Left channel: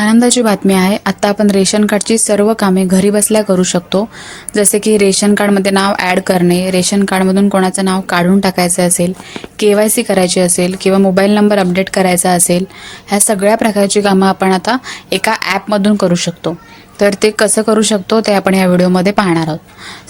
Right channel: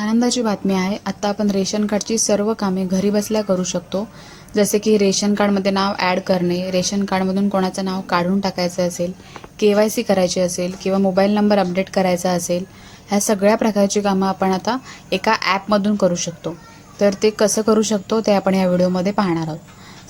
आनंदाची बातमी आहे. आत्ता आपण रेशन कार्डची सर्व कामे घरी बसल्या करू शकतो. जसे की रेशन कार्डमध्ये नाव ॲड करणे रेशन कार्डमधून कोणाचं नाव काढून टाकायचं असेल के वाय सी करायची असेल किंवा मोबाईल नंबर अपडेट करायचा असेल ह्या सगळ्या प्रकारची कामं आपण आता एका ॲपमधून करू शकतो. तर ते कसं करू शकतो ते आपण या व्हिडिओमध्ये पाहणार आहोत.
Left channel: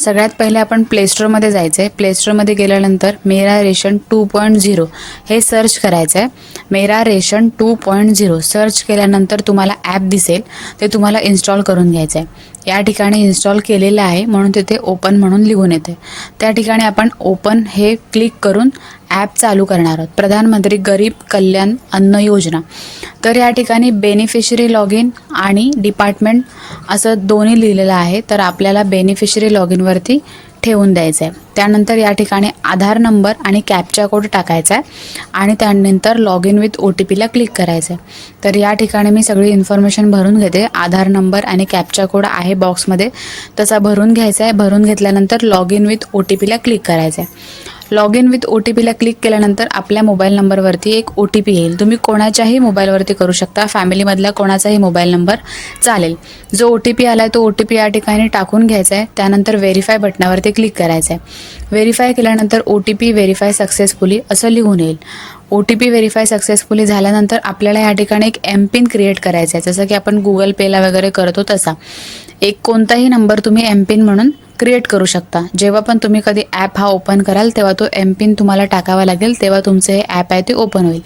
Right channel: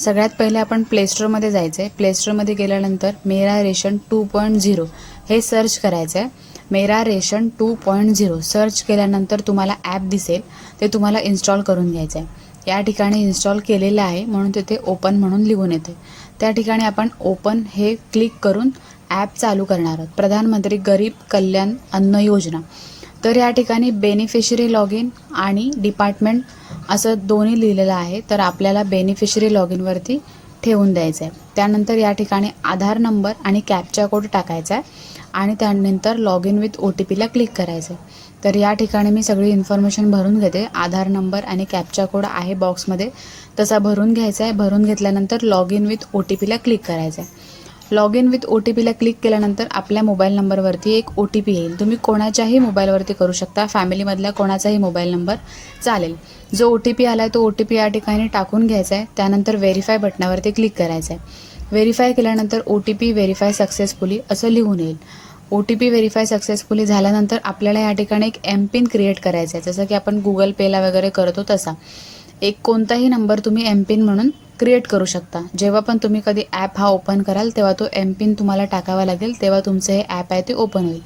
सगळ्यात पहिले आपण प्लेस्टोरमध्ये जायचं आहे प्लेस्टोरमध्ये गेल्यानंतर Mera ration two point zero हे सर्च करायचं आहे Mera ration two point zero search केल्यानंतर तुम्हाला ॲप दिसेल. ते तुम्हाला इन्स्टॉल करून घ्यायचं आहे या ठिकाणी इन्स्टॉल केलेलं आहे म्हणून तिथे ओपन म्हणून लिहून येते त्या ठिकाणी आपण ओपन हे क्लिक करून ॲप चालू करणार आहोत. प्रधानमंत्री गरीब कल्याण अन्न योजना. तर या ठिकाणी बेनिफिशरी लॉग इन आणि डिपार्टमेंट असं दोन्ही लिहिलेलं आहे. तर आपल्याला बेनिफिशरी लॉग इनवरती ठेवून द्यायचं आहे त्यानंतर या ठिकाणी आधार नंबर आणि कॅपचा कोड टाकायचा आहे. आणि त्यानंतर log in with O T पीला क्लिक करायचं आहे तर या ठिकाणी मी सगळी इन्फॉर्मेशन भरून घेते. आधार नंबर आणि कॅपचा कोड आहे बॉक्समध्ये तसा भरून घ्यायचा आहे. भरून घेतल्यानंतर log in with O T पीला क्लिक करायचं आहे log in with O T पीला क्लिक केल्यानंतर आपल्या मोबाईल नंबरवरती एक ओ टी पी येईल. तुम्ही कोणाच्याही मोबाईलवरती करू शकता. फॅमिलीमधला कोणाचाही मोबाईल नंबर चालेल. जो ओ टी पी आला आहे तो ओ टी पी या ठिकाणी टाकून घ्यायचा आहे त्यानंतर व्हेरीफाय बटनावरती क्लिक करायचं आहे व्हेरीफाय केल्यानंतर O T P verify successfully असं लिहून येईल. O T P verify successfully झाल्यानंतर आपल्याला या ठिकाणी एक एम पिन क्रिएट करायचा आहे जसं की आपण गुगल पेला वगैरे करतो तसा. एक कोणताही नंबर तुम्ही एम पिन म्हणून क्रिएट करू शकता. जेव्हा पण तुम्ही कधी ॲप हा ओपन कराल तेव्हा तो एम पिन तुम्हाला टाकावा लागेल तेव्हा तुमचं हे ॲप आहे ते ओपन होईल.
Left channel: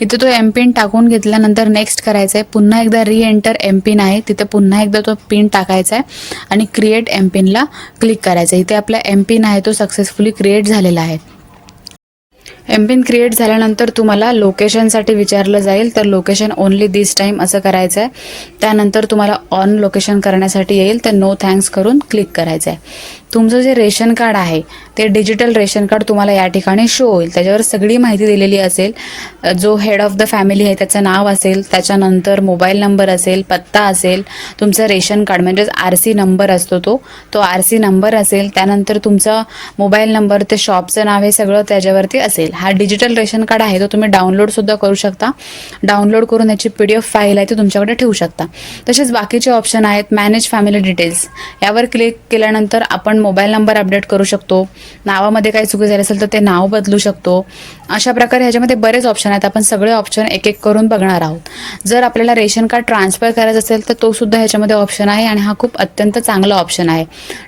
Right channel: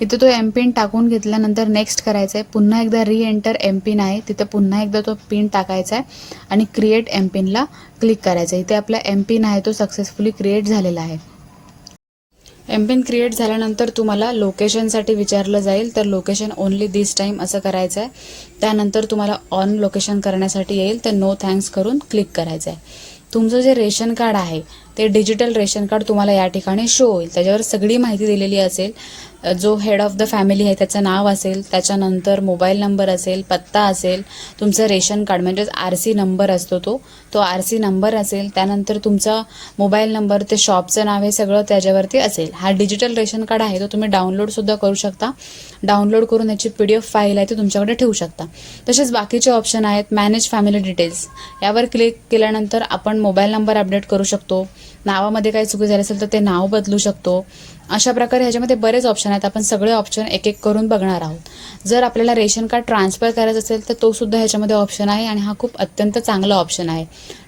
इथे तो एम पिन टाकून घेतल्यानंतर नेक्स्ट करायचं आहे पुन्हा एकदा री एंटर एम पिन आहे तिथे पुन्हा एकदा तो पिन टाकायचा आहे आणि क्रिएट एम पिनला क्लिक करायचं आहे इथे आपला एम पिन आहे तो सक्सेसफुली क्रिएट झालेला आहे. एम पिन क्रिएट झाल्यानंतर तुम्हाला लोकेशनसाठी विचारलं जाईल तर लोकेशन ओनली दिस टाईम असं करायचं आहे त्यानंतर तुम्हाला ऑन लोकेशन करण्यासाठी येईल तर नो थँक्स करून क्लिक करायचं आहे तुमचं जे रेशन कार्ड आहे ते डिजिटल रेशन कार्ड तुम्हाला या ठिकाणी शो होईल. त्याच्यावर सगळी माहिती दिलेली असेल. जो हेड ऑफ द फॅमिली आहे त्याचं नाव असेल त्याच्यानंतर मोबाईल नंबर असेल पत्ता असेल तुमचं रेशन कार्ड म्हणजेच आर सी नंबर असतो तो. तो आर सी नंबर असेल त्यानंतर तुमचा मोबाईल नंबर ते शॉपचं नाव हे सगळं त्याच्यावरती असेल. हा डिजिटल रेशन कार्ड आहे तो तुम्ही डाउनलोडसुद्धा करू शकता. डाउनलोड करून याची पी डी एफ फाईल आहे ती तुमच्याकडे ठेवू शकता. तसेच बाकीचे ऑप्शन आहेत मॅनेज फॅमिली डिटेल्स यावर क्लिक केल्यानंतर आपण मोबाईल नंबर अपडेट करू शकतो नावामध्ये काही चुकी झाली असेल तर ते नाव बदलू शकतो. अशा प्रकारे ह्याच्यामध्ये बरेच ऑप्शन आहेत. आपण सगळे ऑप्शन एक एक करून बघणार आहोत. जर आपल्याला रेशन कार्ड ट्रान्सफर करायचं असेल तर तो सुद्धा ह्याच्यामध्ये ऑप्शन आहे आणि हा खूप अत्यंत चांगला ऑप्शन आहे.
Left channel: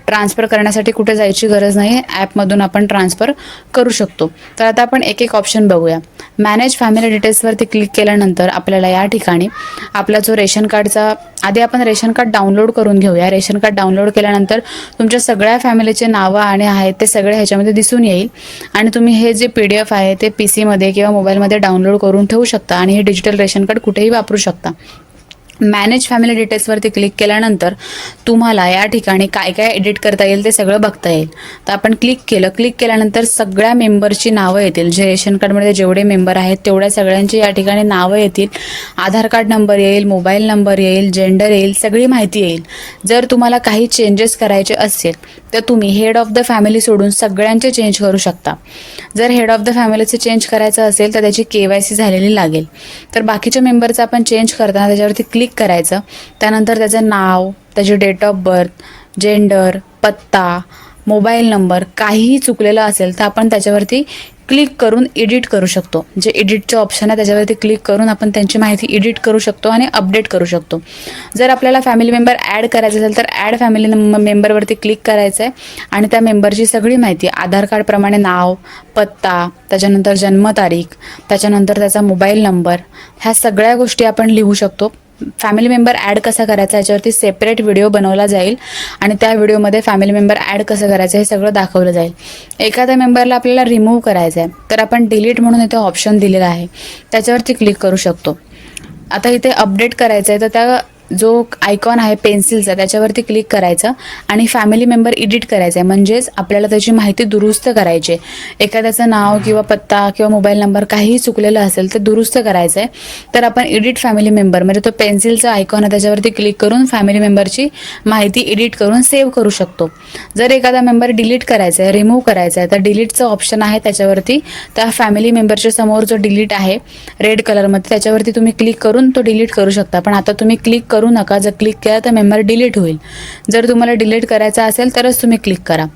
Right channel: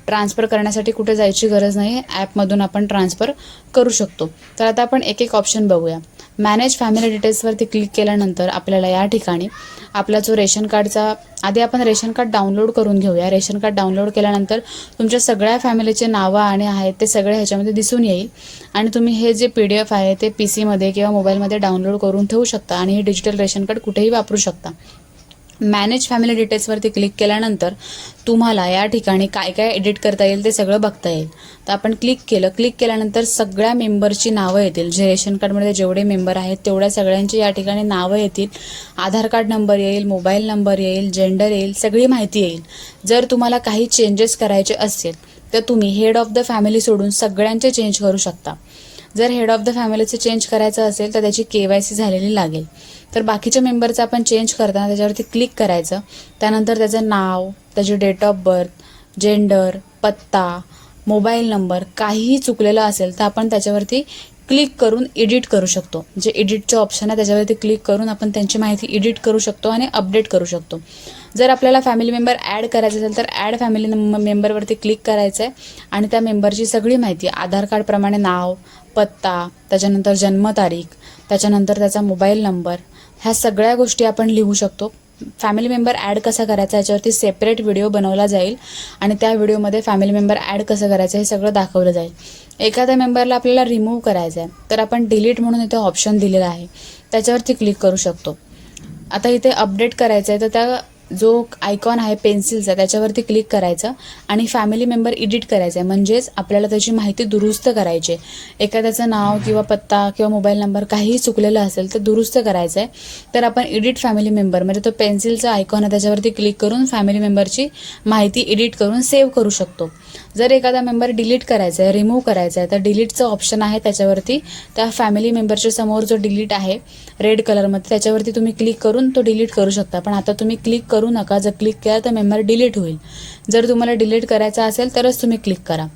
ट्रान्सफर करण्यासाठी कुठे जायची गरज नाही ॲपमधून आपण ट्रान्सफर करू शकतो. तर आता आपण एक एक ऑप्शन बघूया मॅनेज फॅमिली डिटेल्सवरती क्लिक केल्यानंतर आपल्याला या ठिकाणी आपला जो रेशन कार्डचा आधी आपण रेशन कार्ड डाउनलोड करून घेऊया. रेशन कार्ड डाउनलोड केल्यानंतर तुमच्या सगळ्या फॅमिलीचे नावं आणि आहेत ते सगळे ह्याच्यामध्ये दिसून येईल. आणि तुम्ही हे जे पी डी एफ आहे ते पी सीमध्ये किंवा मोबाईलमध्ये डाउनलोड करून ठेवू शकता आणि हे डिजिटल रेशन कार्ड कुठेही वापरू शकता. मॅनेज फॅमिली डिटेल्सवरती क्लिक केल्यानंतर तुम्हाला या ठिकाणी काय काय एडिट करता येईल ते सगळं बघता येईल. तर आपण क्लिक केलं. क्लिक केल्यानंतर सगळ्या मेंबरची नावं येतील. जे रेशन कार्डमध्ये जेवढे मेंबर आहेत तेवढ्या सगळ्यांची या ठिकाणी नावं येतील. आधार कार्ड नंबर येईल मोबाईल नंबर येईल जेंडर येईल सगळी माहिती येईल. जर तुम्हाला काही चेंजेस करायचे असेल तर तुम्ही हेड ऑफ द फॅमिली सोडून सगळ्यांचे चेंज करू शकता. जर हेड ऑफ द फॅमिलीचं चेंज करायचं असेल तर त्याची के वाय सी झालेली लागेल. तर बाकीच्या मेंबरचं आपण चेंज करताना त्याच्यावरती क्लिक करायचं. त्यानंतर त्याचं नाव त्याची डेट ऑफ बर्थ जेंडर पत्ता मोबाईल नंबर काहीही चुकलेलं असेल तर आपण त्याच्यावरती क्लिक करून एडिट करू शकतो. जे एडिटचं ऑप्शन आहे त्याच्यावरती क्लिक करून आपण त्यांची माहिती एडिट करू शकतो आणि अपडेट करू शकतो. जर आपल्याला फॅमिली मेंबर ॲड करायचं असेल तर ॲड फॅमिली मेंबरवरती क्लिक करायचं आहे आणि त्या मेंबरची सगळी माहिती आधार कार्डप्रमाणे नाव पत्ता त्याच्यानंतर जन्मतारीख त्याच्यानंतर त्याचा मोबाईल नंबर ह्या सगळ्या गोष्टी आपण लिहू शकतो. फॅमिली मेंबर ॲड कसा करायचा याच्यावरती सेपरेट व्हिडिओ बनवला जाईल आणि त्या व्हिडिओमध्ये फॅमिली मेंबर ॲड कसं करायचं हे सगळं दाखवलं जाईल. एखाद्या मेंबरला आपल्याला रिमूव्ह करायचं आहे तर आपण डिलीट म्हणून इथे ऑप्शन दिलेला आहे. त्याच्यावरती क्लिक करू शकतो. आता इथे अपडेट करायचं आहे तर त्या जो आयकॉन आहे पेन्सिलचा त्याच्यावरती क्लिक करायचं आणि फॅमिली मेंबर एडिट करायचा आहे म्हणजेच आपल्याला त्याची माहिती दुरुस्त करायची आहे. एखाद्याचं नाव किंवा पत्ता किंवा मोबाईल नंबर काहीही चुकलेलं असेल तर दुरुस्त करायचं आहे तर आपण एडिट फॅमिली मेंबर म्हणजे तो पेन्सिलचा आयकॉन आहे त्याच्यावरती क्लिक करून फॅमिली मेंबरची माहिती एडिट करून सेव्ह करू शकतो. जर एखादा मेंबर डिलीट करायचा आहे रिमूव्ह करायचा आहे तर डिलीटचं ऑप्शन आहे त्याच्यावरती. त्या फॅमिली मेंबरच्या समोर जो डिलीट आहे रेड कलरमध्ये त्याच्यावरती तुम्ही क्लिक करून तो डिलीट करू शकता. पण आता तुम्ही क्लिक करू नका. जर क्लिक केला तर मेंबर डिलीट होईल. जर तुम्हाला डिलीट करायचा असेल तरच तुम्ही क्लिक करा.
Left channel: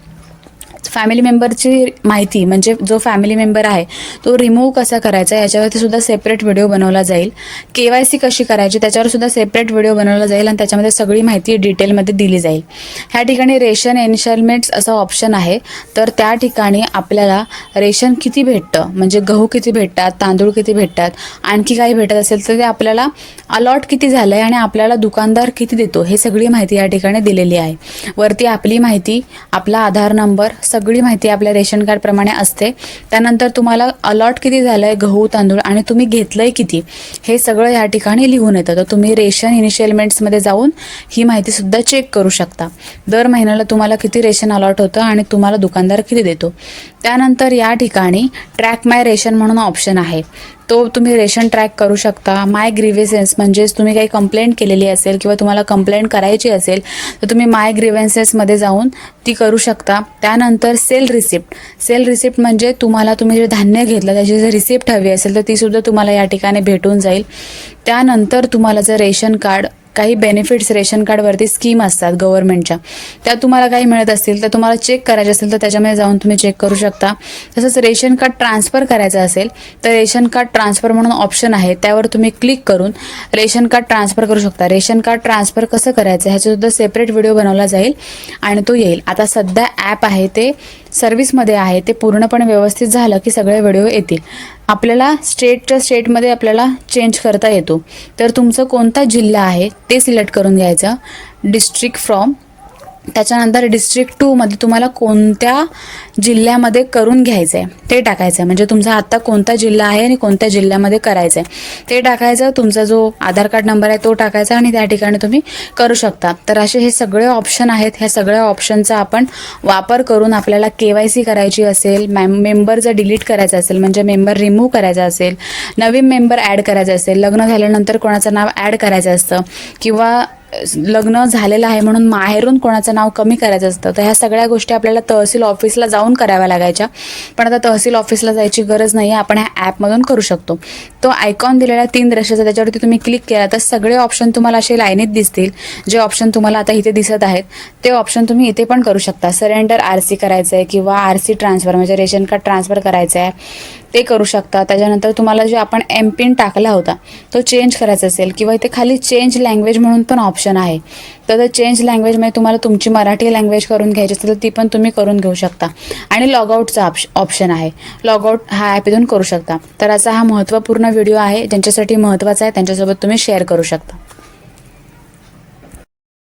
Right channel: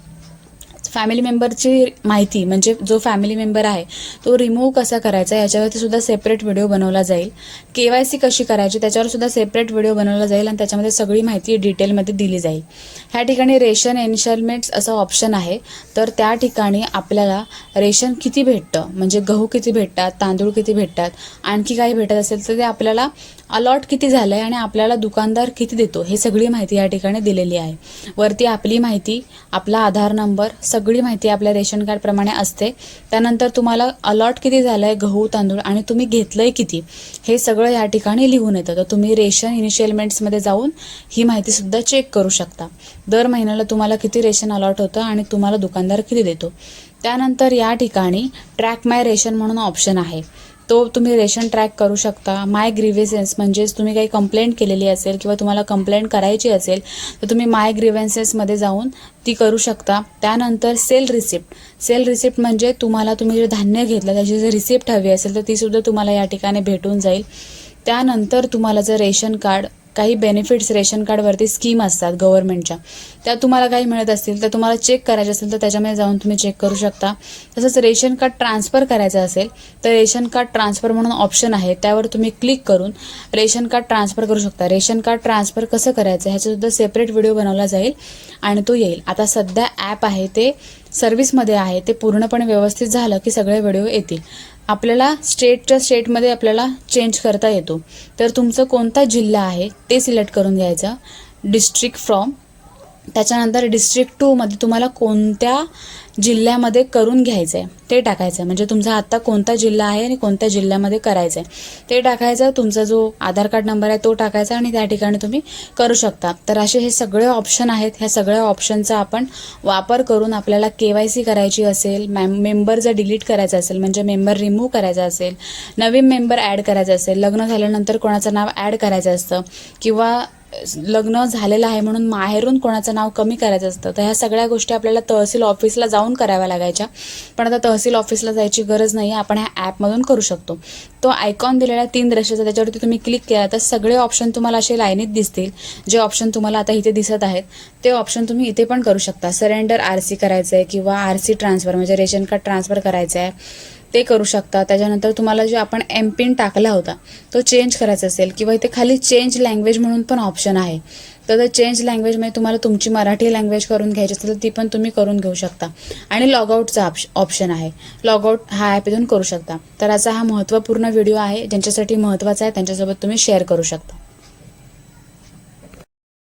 फॅमिली मेंबरची माहिती म्हणजे जो फॅमिली मेंबर आहे तो रिमूव्ह कसा करायचा याच्यावरती सुद्धा सेपरेट व्हिडिओ बनवला जाईल. के वाय सी कशी करायची त्याच्यावर सुद्धा सेपरेट व्हिडिओ बनवला जाईल आणि त्याच्यामध्ये सगळी माहिती डिटेलमध्ये दिली जाईल. ह्या ठिकाणी रेशन इन्स्टॉलमेंट्स असा ऑप्शन आहे. तर त्या ठिकाणी आपल्याला रेशन किती भेटतं म्हणजे गहू किती भेटतात तांदूळ किती भेटतात आणखी काही भेटत असेल तर ते आपल्याला अलॉट किती झालं आहे आणि आपल्याला दुकानदार किती देतो हे सगळी माहिती या ठिकाणी दिलेली आहे. वरती आपली माहिती आपला आधार नंबर सगळी माहिती आपल्या रेशन कार्डप्रमाणे असते. त्यानंतर तुम्हाला अलॉट किती झालं आहे गहू तांदूळ आणि तुम्ही घेतलंय किती हे सगळं या ठिकाणी लिहून येतं. तर तुम्ही रेशन इनिशियलमेंट्समध्ये जाऊन ही माहिती सुद्धा चेक करू शकता. दर महिन्याला तुम्हाला किती रेशन अलॉट होतं आणि तुम्हाला दुकानदार किती देतो. त्यानंतर या ठिकाणी ट्रॅक माय रेशन म्हणून ऑप्शन आहे. तो तुम्ही रेशन ट्रॅक करू शकता. माय ग्रीव्हन्सेस म्हणजेच तुम्ही काही कंप्लेंट केलेली असेल किंवा तुम्हाला कंप्लेंट करायची असेल तर तुम्ही माय ग्रीव्हन्सेसमध्ये जाऊन ती करू शकता. त्यानंतर सेल रिसिप्ट सेल रिसिप्ट म्हणजे तुम्हाला तुम्ही जे धान्य घेतलं त्याची जर रिसिप्ट हवी असेल तर ती सुद्धा तुम्हाला या ठिकाणी भेटून जाईल. त्यानंतर तुम्हाला जर रेशन कार्ड काही बेनिफिट्स रेशन कार्डवरती स्कीम असतात गव्हर्नमेंटच्या त्या तुम्हाला काही मिळत असतील तर तुम्हाला चेक करायचे असेल तर त्याच्यामध्ये जाऊन तुम्ही चेक करू शकता. तसंच रेशन कार्ड ट्रान्सफर करायचं असेल तर रेशन कार्ड ट्रान्सफर म्हणून ऑप्शन आहे त्यावर तुम्ही क्लिक करून रेशन कार्ड ट्रान्सफर करू शकता. रेशन कार्ड ट्रान्सफर कसं करायचं ह्याचा सुद्धा सेपरेट व्हिडिओ बनवला जाईल आणि तो येईल. आता सध्या ॲप आहे ते सर्व्हिसमध्ये आहे ते पूर्णपणे व्यवस्थित झालं की सगळे व्हिडिओ येतील. आपल्याला स्टेटच्या स्टेटमध्ये आपल्याला चेंज करता येतो. तर तुमचं कोणता जिल्हा आहे ते सिलेक्ट करून घ्यायचं. डिस्ट्रिक्ट फ्रॉम त्याच्यानंतर डिस्ट्रिक्ट टूमध्ये तुम्हाला कोणत्या जिल्ह्यामध्ये करून घ्यायचं आहे ते टाकायचं आहे म्हणजे तुमचा आत्ता कोणता जिल्हा आहे आणि कोणत्या जिल्ह्यामध्ये करायचं आहे ते टाकायचं. तुमचा जो आधार कार्ड नंबर आहे तो टाकायचा आणि त्या ठिकाणी तुम्ही करू शकता. तर असे हे सगळे ऑप्शन आहेत. ह्या सगळ्या ऑप्शनचा आपण वापर करून आपल्याला के वाय सी करायची असेल मॅम मेंबर जर डिलीट करायचं असेल म्हणजे मेंबर रिमूव्ह करायचा असेल नवीन मेंबर ॲड करायचं असेल लग्न झाल्यानंतर कोणाचं नाव ॲड करायचं असतं किंवा लग्न झालेलं आहे म्हणून माहेरून कोणाचं नाव कमी करायचं असतं तर ह्या सगळ्या गोष्टी आपल्याला तहसील ऑफिसला जाऊन कराव्या लागायच्या. पण आता तहसील ऑफिसला जायची गरज नाही आहे आपण ह्या ॲपमधून करू शकतो. तो आयकॉन दिलेला तीन दृश्याचा त्याच्यावरती तुम्ही क्लिक केला तर सगळे ऑप्शन तुम्हाला असे लाईनीत दिसतील. जे ऑप्शन तुम्हाला आता इथे दिसत आहेत ते ऑप्शन तुम्ही इथे पण करू शकता. सरेंडर आर सी करायचं आहे किंवा आर सी ट्रान्सफर म्हणजे रेशन कार्ड ट्रान्सफर करायचं आहे ते करू शकता. त्याच्यानंतर तुम्हाला जे आपण एम पिन टाकला होता तो चेंज करायचा असेल किंवा इथे खाली चेंज लँग्वेज म्हणून पण ऑप्शन आहे. तर चेंज लँग्वेजमध्ये तुम्हाला तुमची मराठी लँग्वेज करून घ्यायची असेल तर ती पण तुम्ही करून घेऊ शकता. आणि लॉगआउटचा ऑप्शन आहे. लॉगआउट हा ॲप इथून करू शकता. तर असा हा महत्त्वपूर्ण व्हिडिओ आहे. ज्यांच्यासाठी महत्त्वाचा आहे त्यांच्यासोबत तुम्ही शेअर करू शकता.